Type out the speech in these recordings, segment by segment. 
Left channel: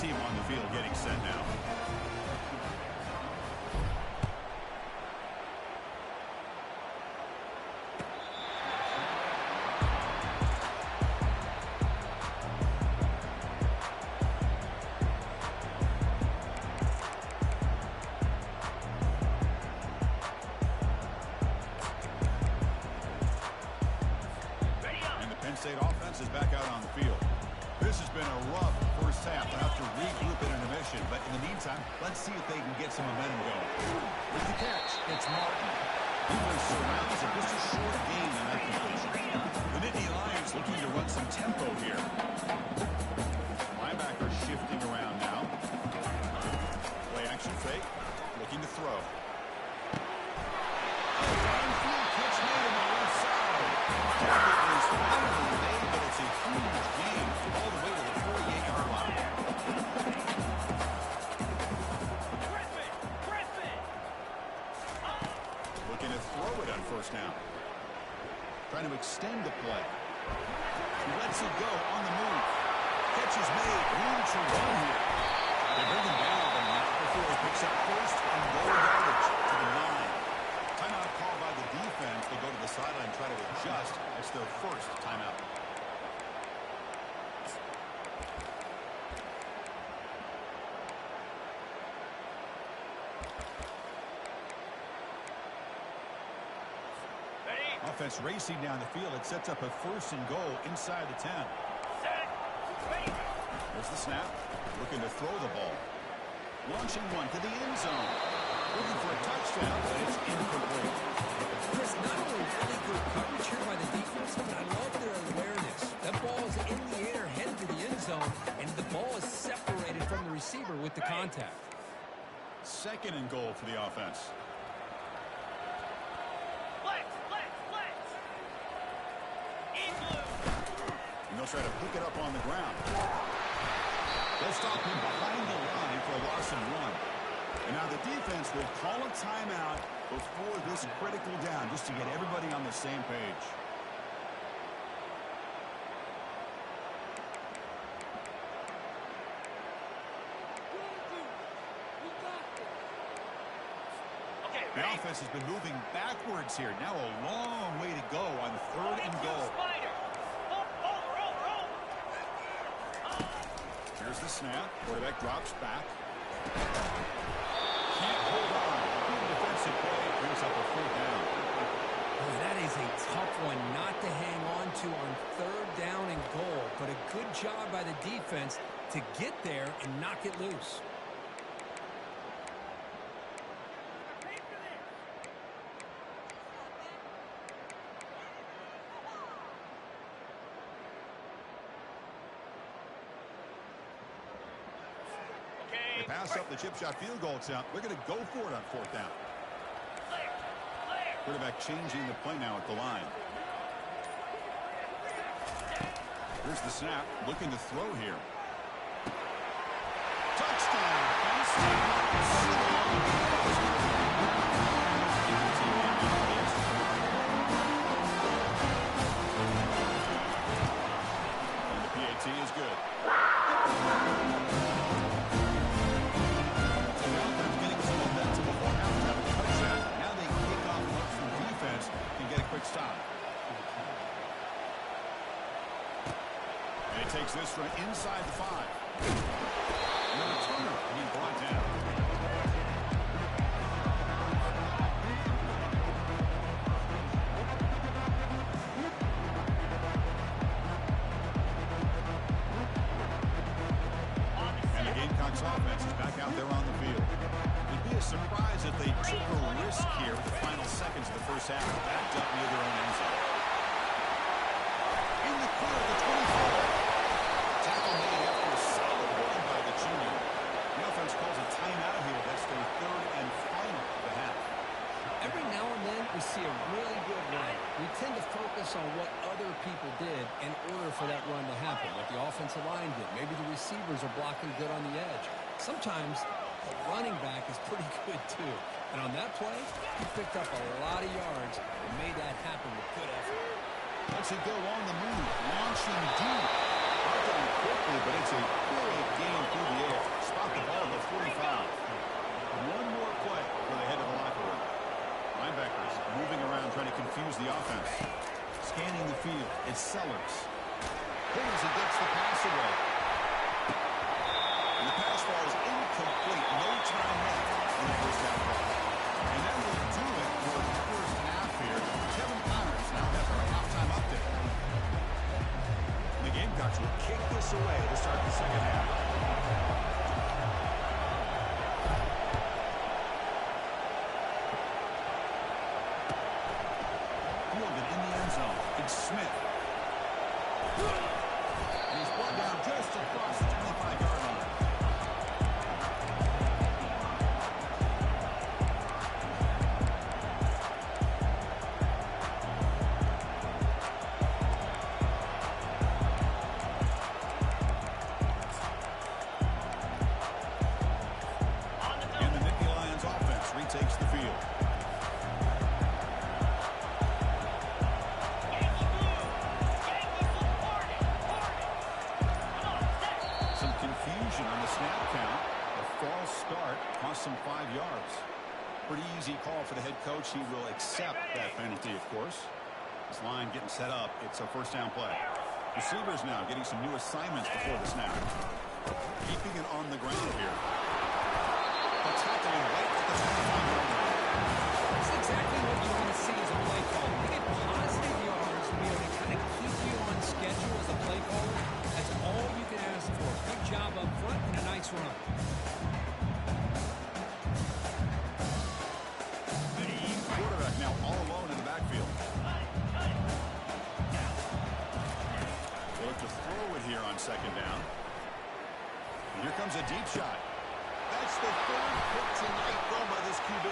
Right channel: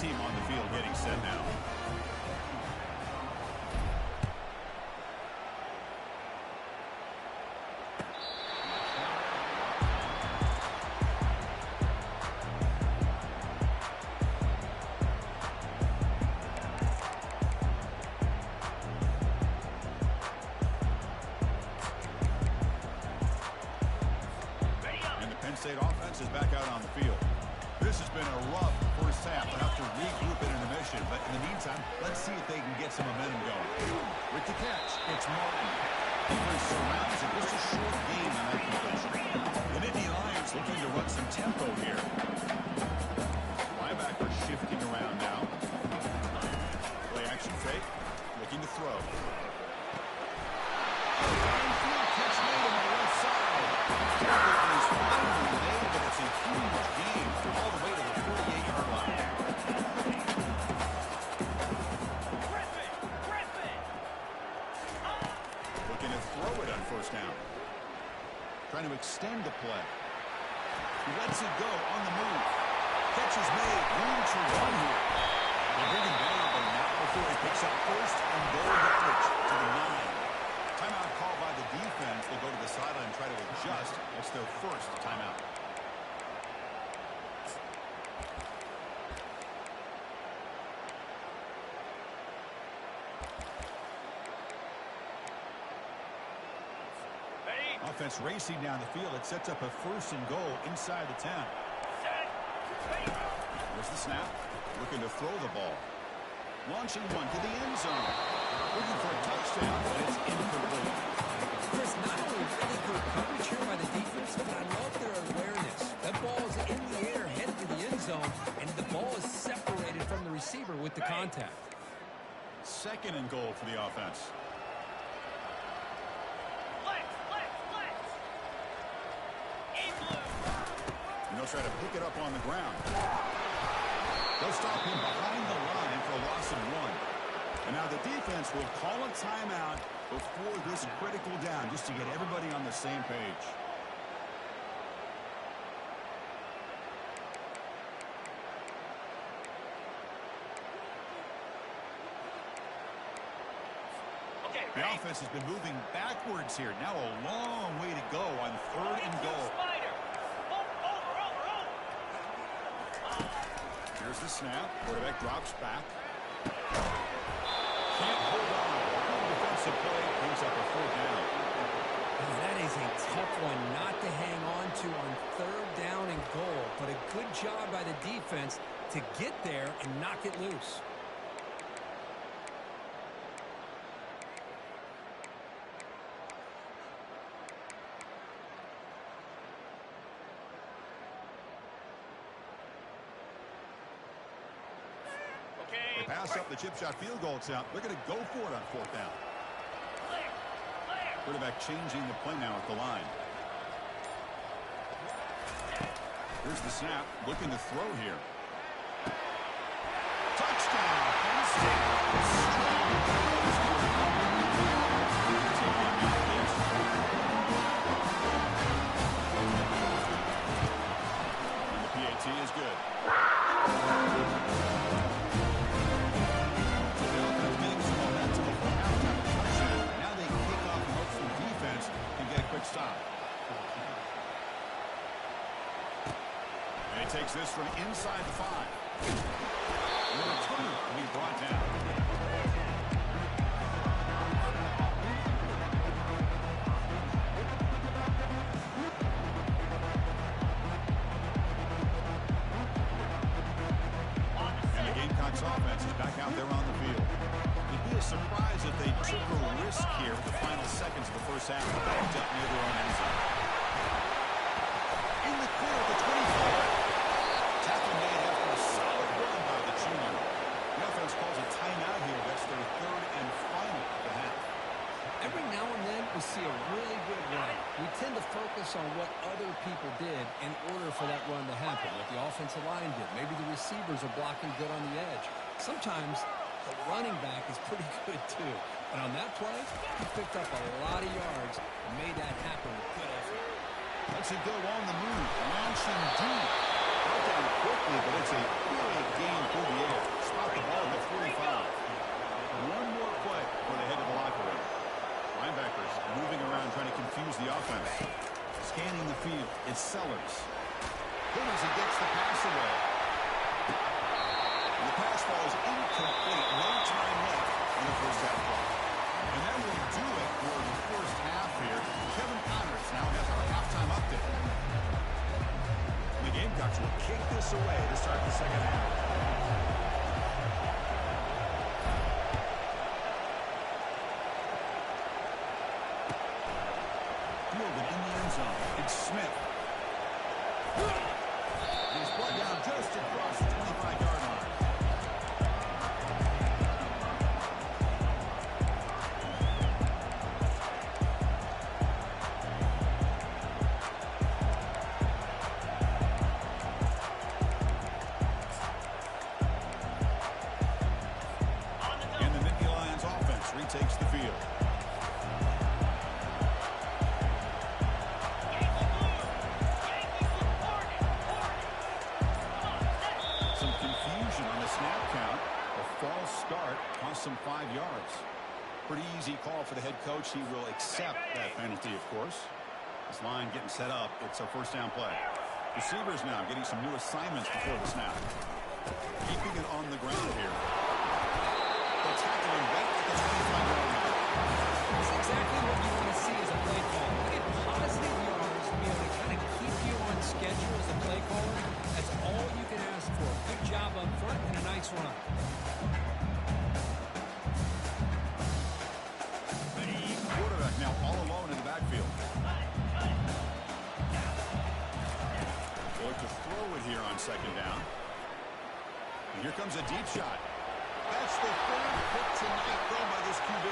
team on the field getting set now. Penn State offense is back out on the field. This has been a rough first half. They'll have to regroup in intermission, but in the meantime, let's see if they can get some momentum going. With the catch, it's Martin. Defense surrounds him. Just a short gain on that completion. The Nittany Lions looking to run some tempo here. Linebacker shifting around now. Play action fake. Looking to throw. Field catch made on the left side. Tackle is finally made, but it's a huge gain all the way to the 48-yard line. Looking to throw it on first down. Trying to extend the play. He lets it go on the move. Catch is made. Room to run here. They bring him down, but not before he picks up first and goal yardage to the 9. Timeout called by the defense. They'll go to the sideline and try to adjust. It's their first timeout. Ready? Offense racing down the field. It sets up a first and goal inside the 10. Set. Ready. There's the snap. Looking to throw the ball. Launching one to the end zone. Looking for a touchdown, but it's incomplete. Chris, not only really good coverage here by the defense, but I love their awareness. That ball is in the air, headed to the end zone, and the ball is separated from the receiver with the contact. Second and goal for the offense. Flex. In blue. And they'll try to pick it up on the ground. They'll stop him behind the line for a loss of 1. And now the defense will call a timeout before this critical down, just to get everybody on the same page. Okay, The ready? offense has been moving backwards here. Now a long way to go on third and goal. Spider. Over. Here's the snap. Quarterback drops back. Can't hold on. Good defensive play. Brings up a fourth down. Oh, that is a tough one not to hang on to on third down and goal. But a good job by the defense to get there and knock it loose. They pass up the chip shot field goal attempt. They're going to go for it on fourth down. Clear. Quarterback changing the play now at the line. Here's the snap. Looking to throw here. Touchdown. Penn State. Strong. And the PAT is good. Stop. And he takes this from inside the 5. And the returner being brought down. And the Gamecocks offense is back out there on the field. It'd be a surprise if they took a risk here with the final seconds of the first half, backed up near their own end zone. In the clear at the 25. Tackle made after a solid run by the junior. The offense calls a timeout here. That's their third and final of the half. Every now and then we see a really good run. We tend to focus on what other people did in order for that run to happen. What the offensive line did. Maybe the receivers are blocking good on the edge. Sometimes the running back is pretty good too. And on that play, he picked up a lot of yards and made that happen with good effort. Lets it go on the move. Launching deep. Brought down quickly, but it's a big gain through the air. try to confuse the offense. Scanning the field, it's Sellers. Pulls and gets the pass away. And the pass falls incomplete. No time left in the first half clock. And that will do it for the first half here. Kevin Connors now has our halftime update. The Gamecocks will kick this away to start the second half. Fielded in the end zone. It's Smith. And he's brought down just across the 25-yard line. And the Nittany Lions offense retakes the field. On the snap count, a false start cost them 5 yards. Pretty easy call for the head coach. He will accept that penalty, of course. This line getting set up. It's a first down play. Receivers now getting some new assignments before the snap. Keeping it on the ground here. They'll tackle him right at the 25-yard line. That's exactly what you want to see as a play caller. You get positive yards to be able to kind of keep you on schedule as a play caller. That's all you can ask for. Good job up front and a nice run. The quarterback now all alone in the backfield. They look to throw it here on second down. And here comes a deep shot. That's the third pick tonight thrown by this QB.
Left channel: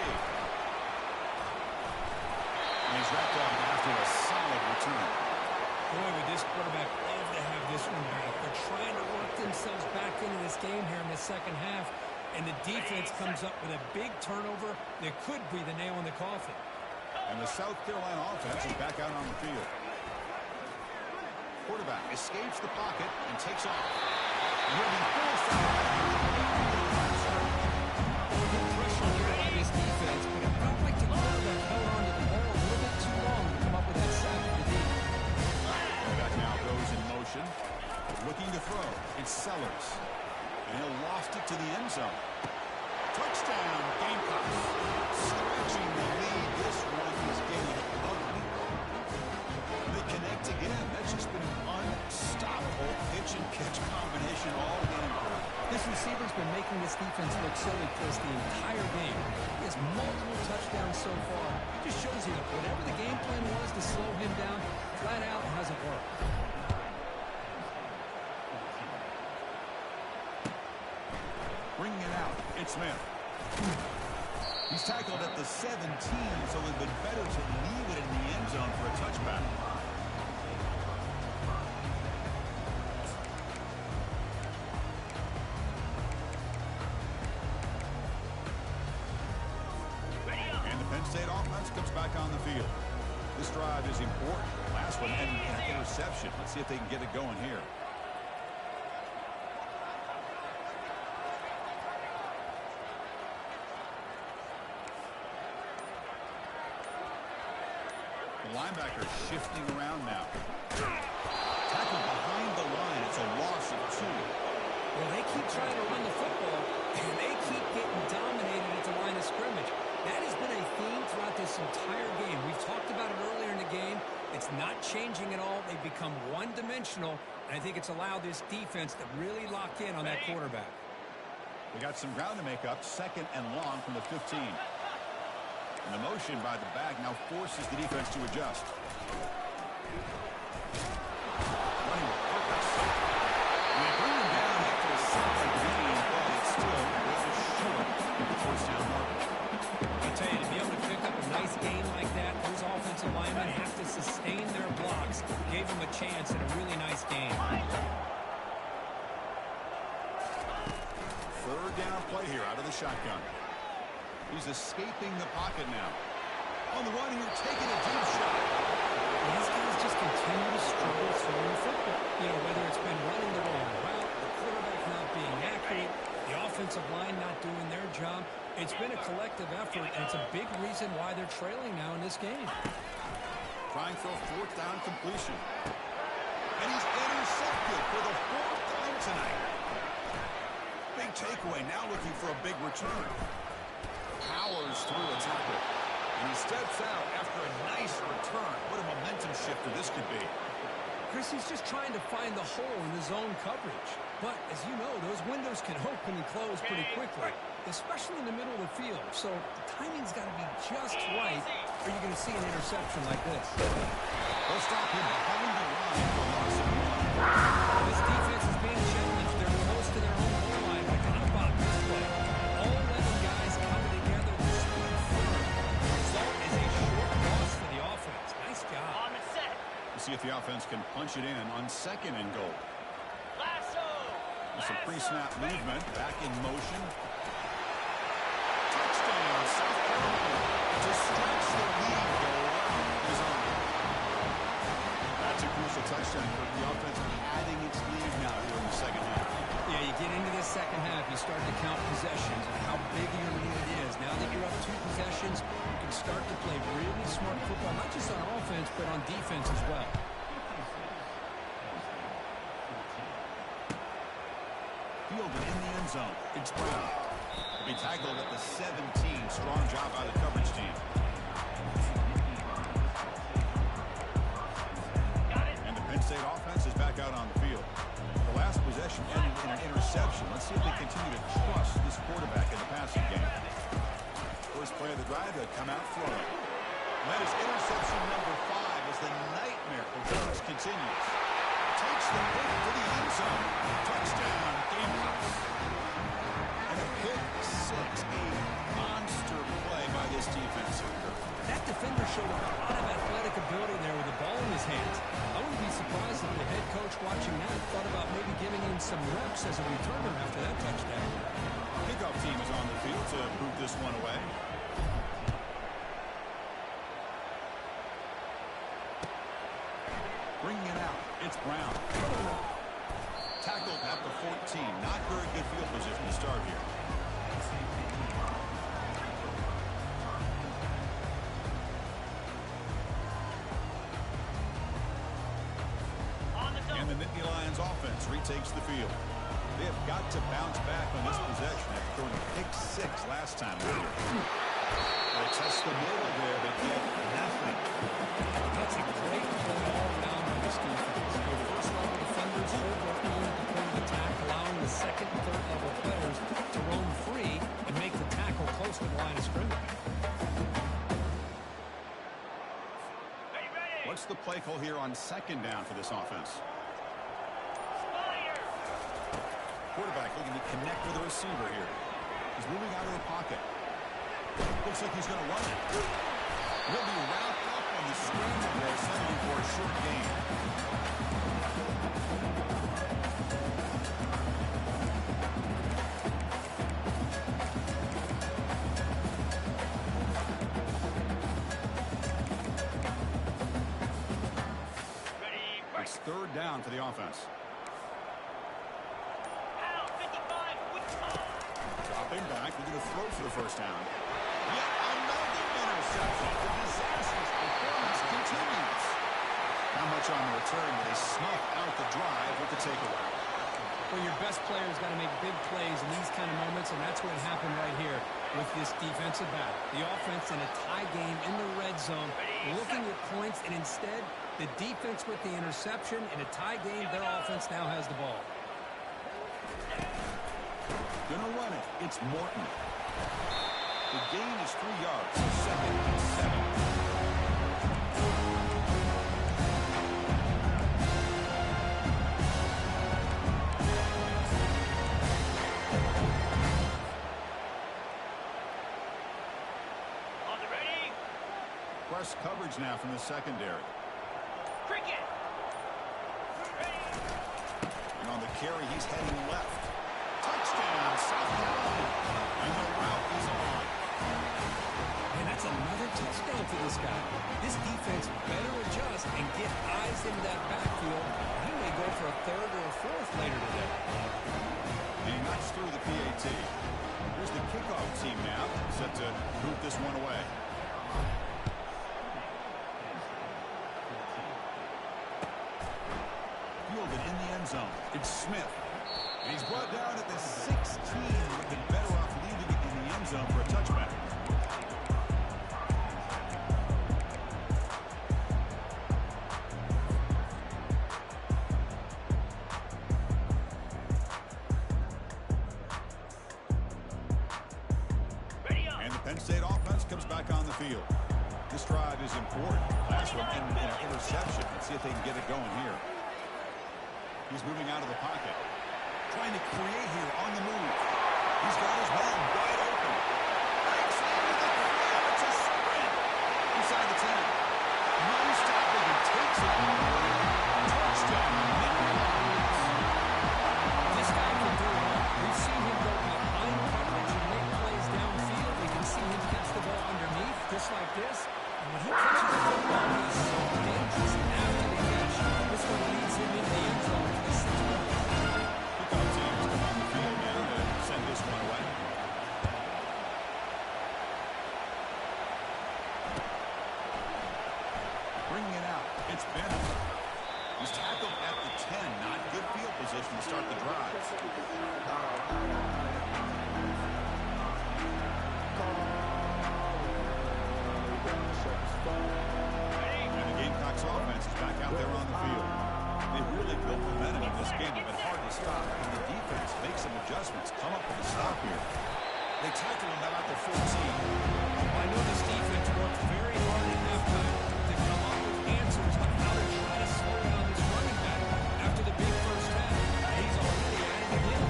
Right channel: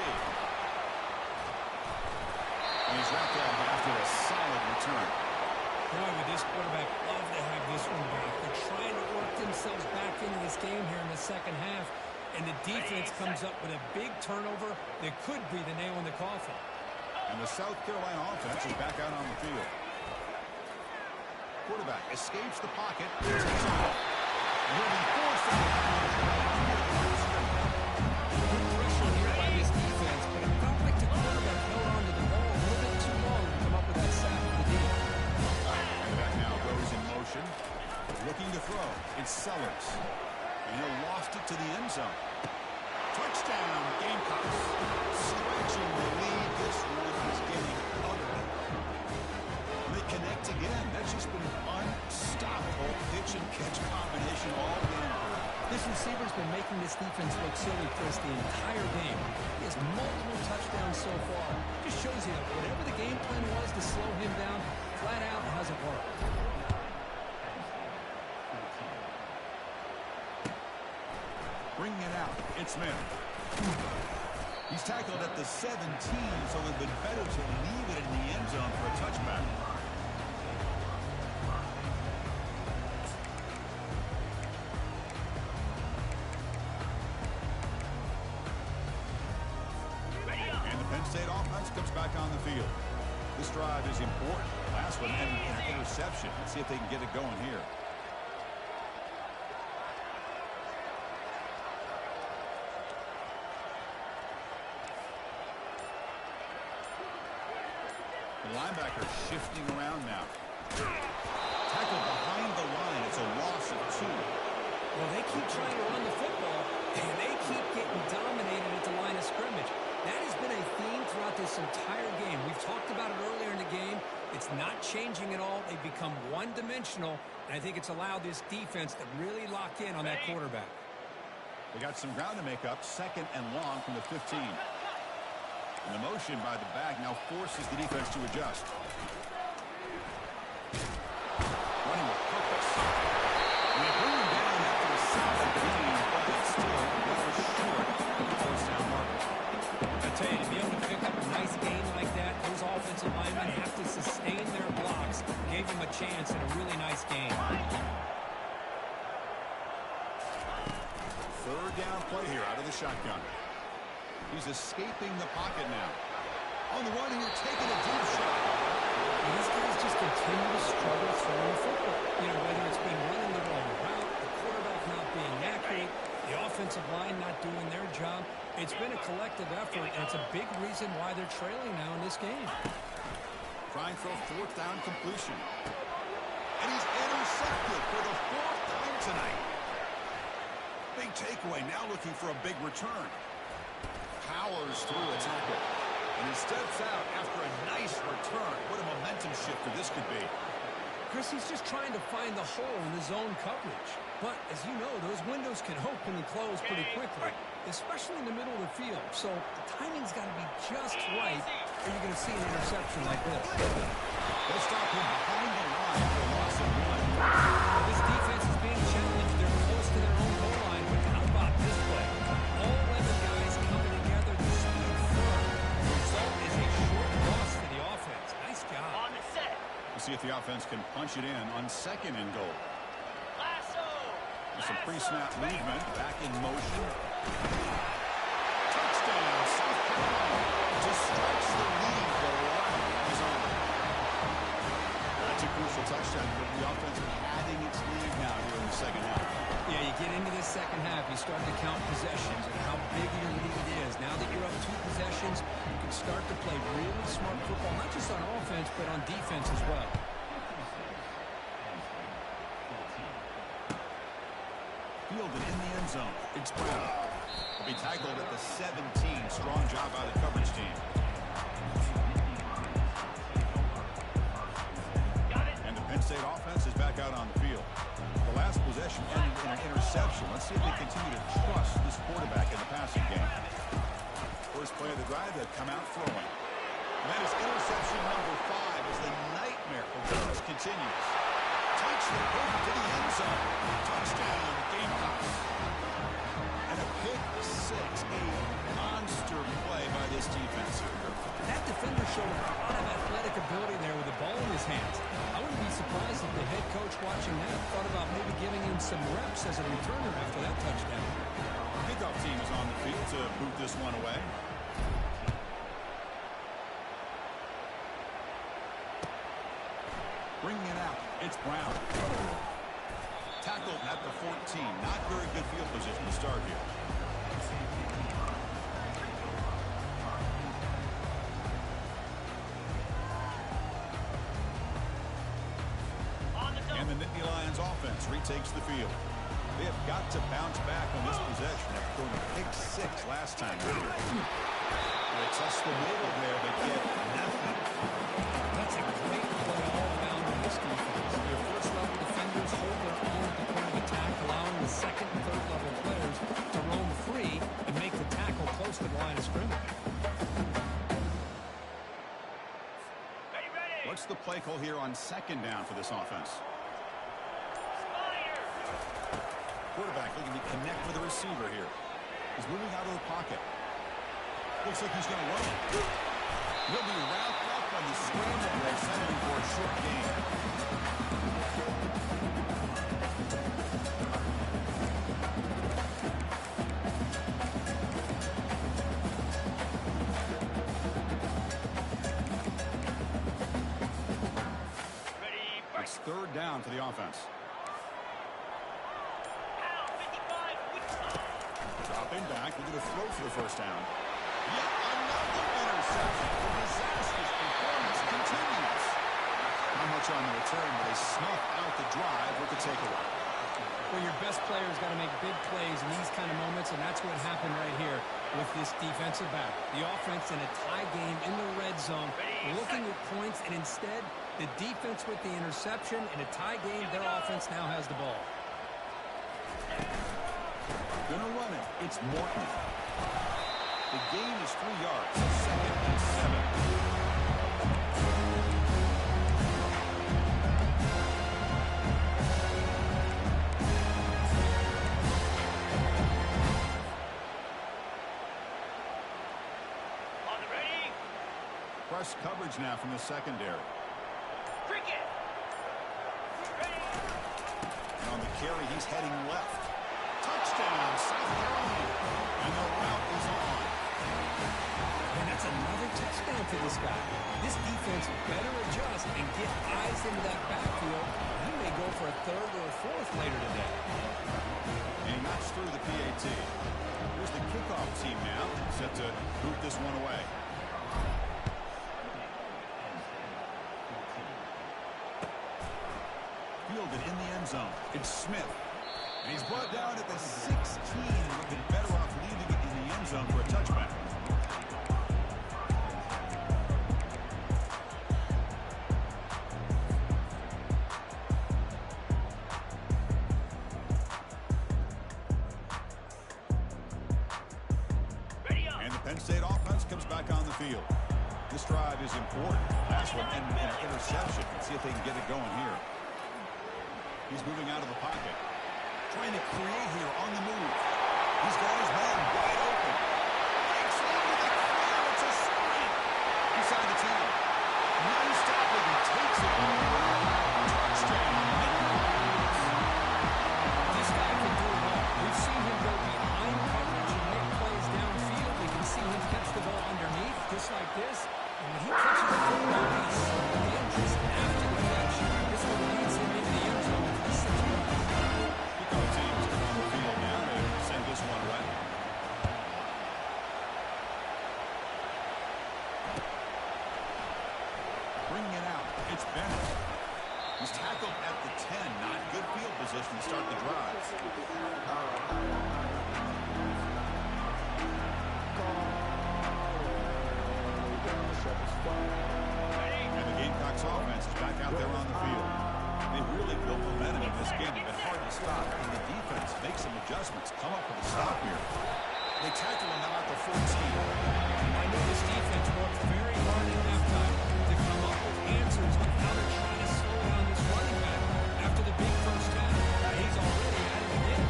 And he's wrapped up after a solid return. Boy, would this quarterback love to have this one back. They're trying to work themselves back into this game here in the second half, and the defense comes up with a big turnover that could be the nail in the coffin. And the South Carolina offense is back out on the field. Quarterback escapes the pocket and takes off. And he'll be forced out of bounds right near the line of scrimmage. Good pressure here by this defense, but it felt like the quarterback held on to the ball a little bit too long to come up with that sack for the deep. And the back now goes in motion. Looking to throw. It's Sellers. And he'll loft it to the end zone. Touchdown, Gamecocks. Stretching the lead. This one is getting ugly. And they connect again. That's just been an unstoppable pitch and catch combination all game. This receiver's been making this defense look silly, Chris, the entire game. He has multiple touchdowns so far. Just shows you that whatever the game plan was to slow him down, flat out hasn't worked. Bringing it out, it's Smith. He's tackled at the 17, so it would have been better to leave it in the end zone for a touchback. And the Penn State offense comes back on the field. This drive is important. Last one ended in an interception. Let's see if they can get it going here. The linebacker shifting around now. Tackled behind the line. It's a loss of 2. Well, they keep trying to run the football, and they keep getting dominated at the line of scrimmage. That has been a theme throughout this entire game. We've talked about it earlier in the game. It's not changing at all. They've become one-dimensional, and I think it's allowed this defense to really lock in on that quarterback. They got some ground to make up. Second and long from the 15. And the motion by the back now forces the defense to adjust. Running with purpose. And they bring him down after a solid gain, but it's still well short of the first down marker. I tell you, to be able to pick up a nice gain like that, those offensive linemen have to sustain their blocks. Gave them a chance at a really nice game. Third down play here out of the shotgun. He's escaping the pocket now. On the run here, taking a deep shot. And these guys just continue to struggle throwing the football. You know, whether it's been running the wrong route, the quarterback not being accurate, the offensive line not doing their job. It's been a collective effort, and it's a big reason why they're trailing now in this game. trying for a fourth down completion. And he's intercepted for the fourth time tonight. Big takeaway, now looking for a big return. Powers through a tackle. And he steps out after a nice return. What a momentum shifter this could be. Chris, he's just trying to find the hole in the zone coverage. But, as you know, those windows can open and close pretty quickly, especially in the middle of the field. So the timing's got to be just right, or you're going to see an interception like this. They'll stop him behind the line for a loss of 1. This defense is being challenged. They're close to their own goal line, but how about this play? All 11 guys coming together to stood firm. The result is a short loss for the offense. Nice job. On the set. We'll see if the offense can punch it in on 2nd and goal. Lasso. Some pre-snap movement, back in motion. Touchdown, South Carolina. To stretch the lead, the route is on. That's a crucial touchdown for the offense padding its lead now here in the second half. Yeah, you get into this second half, you start to count possessions and how big your lead is. Now that you're up 2 possessions, you can start to play really smart football, not just on offense, but on defense as well. Fielded in the end zone. It's Brown. He'll be tackled at the 17. Strong job by the coverage team. Got it. And the Penn State offense is back out on the field. The last possession ended in an interception. Let's see if they continue to trust this quarterback in the passing game. First play of the drive, they'll come out throwing. And that is interception number 5 as the nightmare for Jones continues. Takes the pick to the end zone. Touchdown, Gamecocks. And a pick 6, a monster play by this defense here. That defender showed a lot of athletic ability there with the ball in his hands. I wouldn't be surprised if the head coach watching that thought about maybe giving him some reps as a returner after that touchdown. Kickoff team is on the field to boot this one away. Bringing it out, it's Brown. Tackled at the 14. Not very good field position to start here. And the Nittany Lions offense retakes the field. They have got to bounce back on this possession after throwing a pick 6 last time out here. They test the middle there, but get nothing. That's a great play all around on this defense. Your first-level defenders hold their own at the point of attack, allowing the second and third-level players to roam free and make the tackle close to the line of scrimmage. Ready. What's the play call here on 2nd down for this offense? Spider. Quarterback looking to connect with the receiver here. He's moving out of the pocket. Looks like he's going to run it. He'll be wrapped up on the scramble there, settling for a short gain. Ready. Break. It's 3rd down for the offense. Pound 55. Dropping back, looking to throw for the first down. Yet another interception. The disastrous performance continues. Not much on the return, but they snuff out the drive with the takeaway. Well, your best player's got to make big plays in these kind of moments, and that's what happened right here with this defensive back. The offense in a tie game in the red zone, looking at points, and instead, the defense with the interception. In a tie game, their offense now has the ball. Gonna run it. It's Morton. The gain is 3 yards, so 2nd and 7. On the ready. Press coverage now from the secondary. Cricket. Ready. And on the carry, he's heading left. Touchdown, South Carolina. And the route is on. And that's another touchdown for this guy. This defense better adjust and get eyes into that backfield. He may go for a 3rd or a 4th later today. And he knocks through the PAT. Here's the kickoff team now, set to boot this one away. fielded in the end zone. It's Smith. And he's brought down at the 16. Would have been better off leaving it in the end zone for a touchback. And the Penn State offense comes back on the field. This drive is important. Last one ended in an interception. Let's see if they can get it going here. He's moving out of the pocket. Trying to create here on the move. He's got his man wide open. Breaks into the clear. It's a sprint. Inside the 10. No stopping. He takes it all the way. Touchdown. This guy can do it all. We've seen him go behind coverage and make plays downfield. We can see him catch the ball underneath, just like this. And when he catches the football, he's so dangerous after the catch. This one leads him into the end zone for the 6 points. Kickoff teams come on the field now to send this one away. Bringing it out. It's Bennett. He's tackled at the 10. Not good field position to start the drive. And the Gamecocks offense is back out there on the field. They've really built momentum in this game. They've been hard to stop. And the defense makes some adjustments. Come up with a stop here. They tackle him about the 14. I know this defense worked very hard at halftime to come up with answers on how to try to slow down this running back after the big first half. He's already at it again.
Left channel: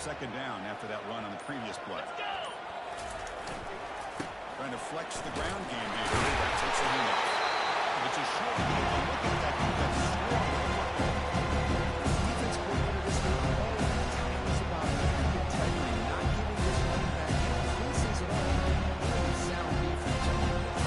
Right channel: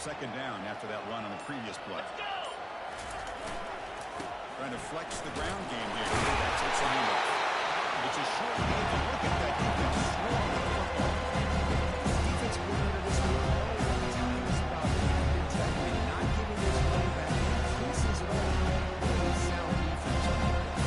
Second down after that run on the previous play. Trying to flex the ground game here. That takes a handoff. It's a short game, but look at that defense swarm with the football. Defense coordinator this week all the time is about integrity, not giving this running back any creases at all. Really sound defense on that play.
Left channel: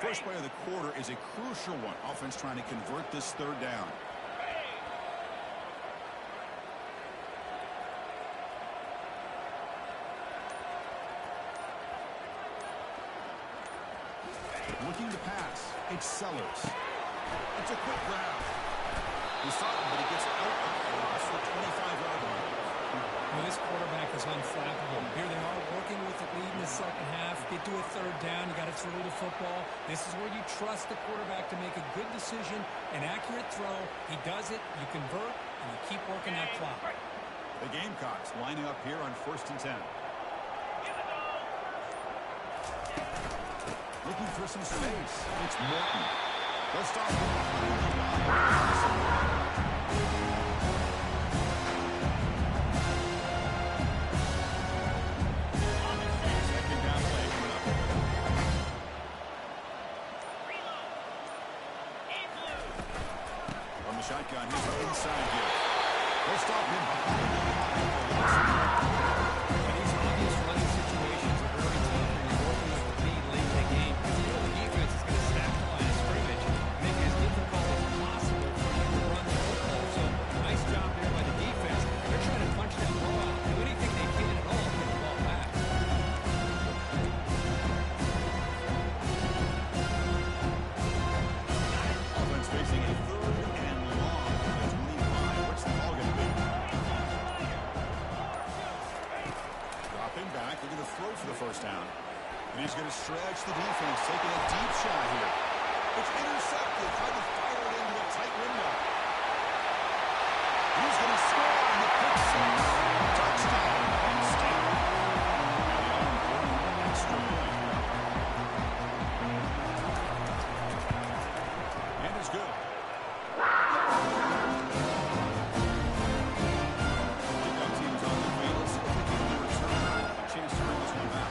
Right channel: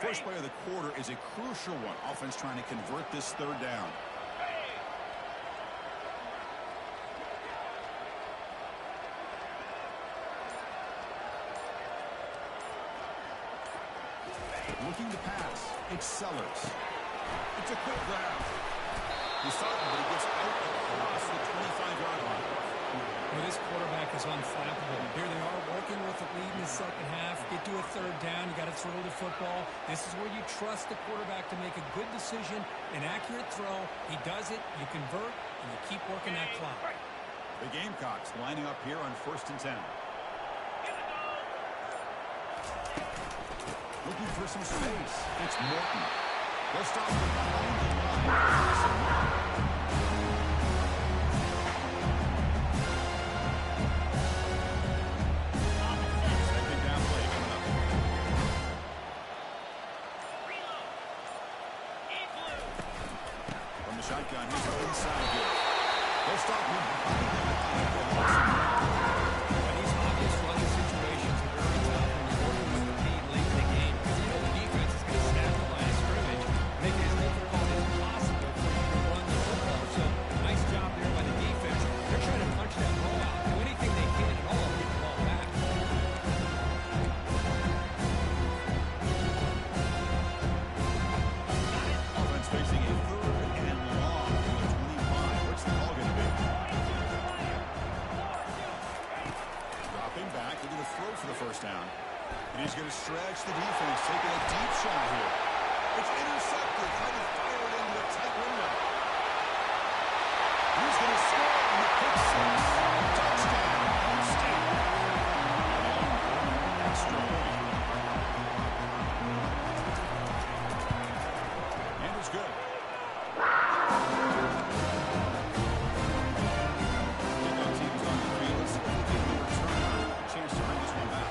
First play of the quarter is a crucial one. Offense trying to convert this third down. Looking to pass. It's Sellers. It's a quick grab. He saw it, but he gets out across the 25-yard line. Well, this quarterback is unflappable. Here they are working with the lead in the second half. Get to a third down. You got to throw the football. This is where you trust the quarterback to make a good decision, an accurate throw. He does it. You convert, and you keep working that clock. The Gamecocks lining up here on 1st and 10. Looking for some space. It's Morton. They'll stop him behind the line. Shotgun, he's inside here. They'll stop him behind the line for a little more. And these obvious running situations are very tough when you're working with the lead late in the game, because you know the defense is going to stack the line of scrimmage, make it as difficult as possible for you to run the football. So nice job there by the defense. They're trying to punch that ball out, do anything they can at all to get the ball back. Offense facing a third and long from the 25. What's the call going to be? Dropping back, looking to throw for the first down. And he's going to stretch the defense, taking a deep shot here. It's intercepted, trying to fire it into a tight window. He's going to score on the pick six. Touchdown, Penn State. And the all-important extra point. And it's good. Kickoff team's on the field. Let's see if we can give the returner a chance to bring this one back.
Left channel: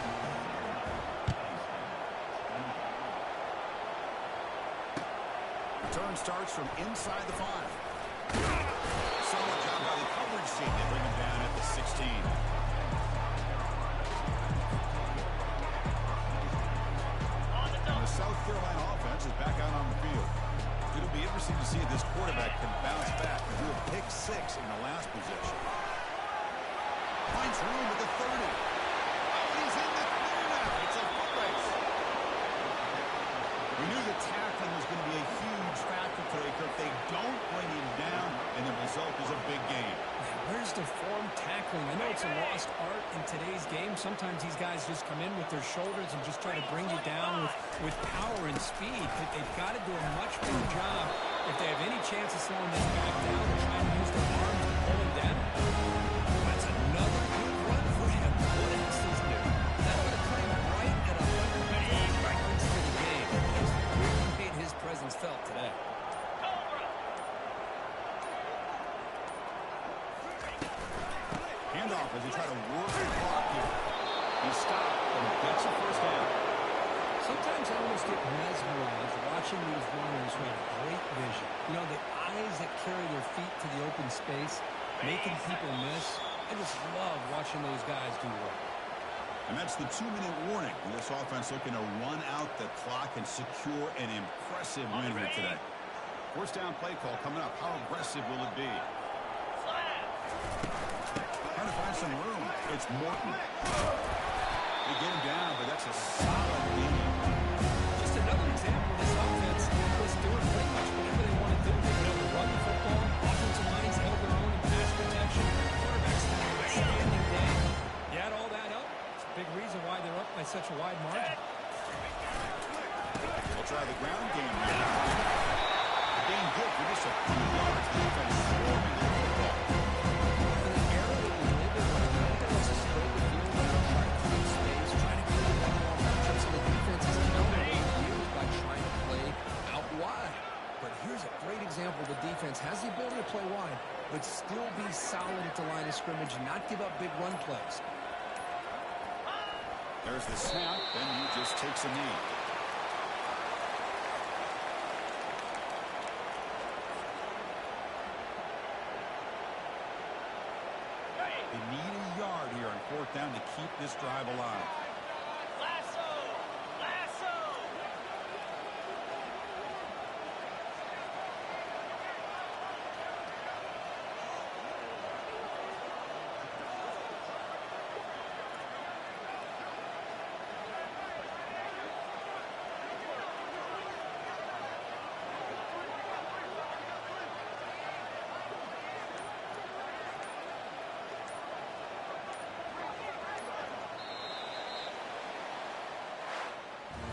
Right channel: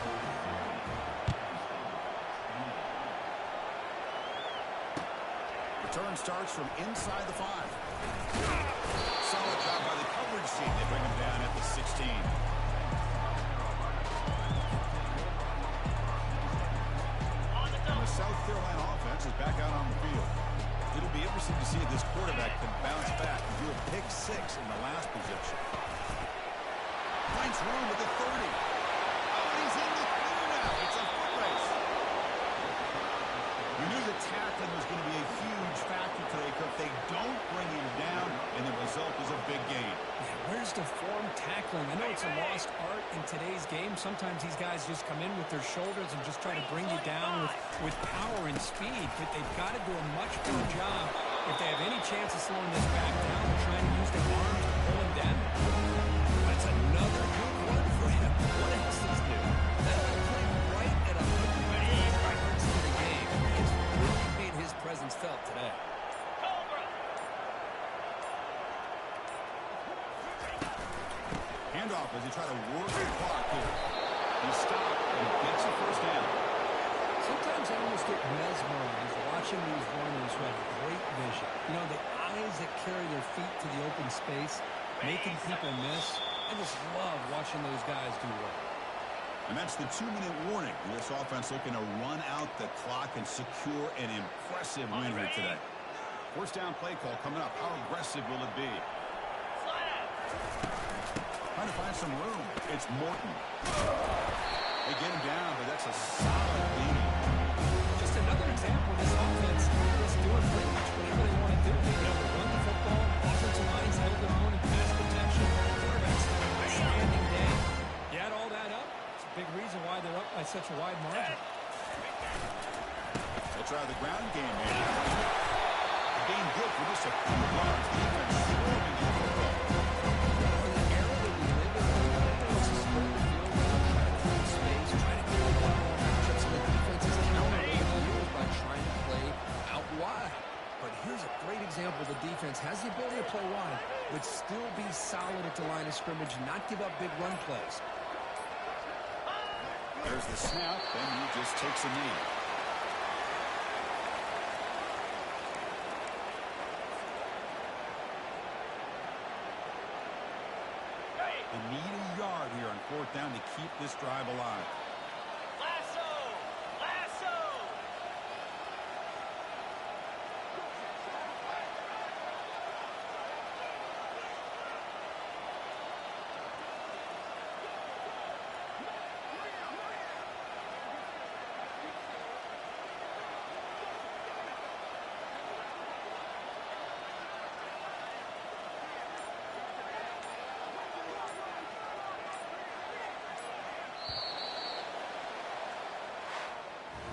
Return starts from inside the 5. Solid job Carolina offense is back out on the field. It'll be interesting to see if this quarterback can bounce back and do a pick six in the last possession. Finds room at the 30. Oh, and he's in the clear now. It's a foot race. We knew that tackling was going to be a huge factor today, Kirk. They don't bring him down, and the result is a big gain. Yeah, where's the form tackling? I know it's a lost art in today's game. Sometimes these guys just come in with their shoulders and just try to bring you down with power and speed. But they've got to do a much better job if they have any chance of slowing this back down and trying to use their arms to pull him down. That's another good run for him. What else is new? That would have put him right at 150 yards to the game. He has really made his presence felt today. Cobra. Handoff as he tried to work the clock here. He stopped and gets a first down. Sometimes I almost get mesmerized watching these runners who have great vision. You know, the eyes that carry their feet to the open space, making people miss. I just love watching those guys do work. And that's the 2-minute warning. This offense looking to run out the clock and secure an impressive win here today. First down play call coming up. How aggressive will it be? Slap. Trying to find some room. It's Morton. They get him down, but that's a solid game. Just another example of this offense is doing pretty much whatever they want to do. They've been able to run the football. Offensive lines held their own in pass protection. Quarterbacks had an outstanding day. You add all that up, it's a big reason why they're up by such a wide margin. We'll try the ground game here. The game good for just a few yards. Defense swarming the football. In the era that we live in, everyone wants to spread the field around, try to create space, try to create one-on-one matchups, and the defense is countered over the years by trying to play out wide. But here's a great example. The defense has the ability to play wide, but still be solid at the line of scrimmage and not give up big run plays. There's the snap, and he just takes a knee. They need a yard here on fourth down to keep this drive alive. Lasso. Lasso.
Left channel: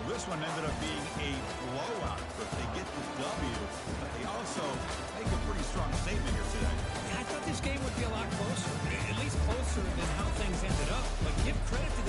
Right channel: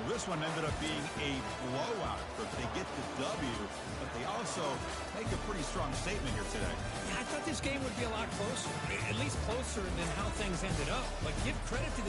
This one ended up being a blowout. But they get the W, but they also make a pretty strong statement here today. Yeah, I thought this game would be a lot closer, at least closer than how things ended up. But give credit to the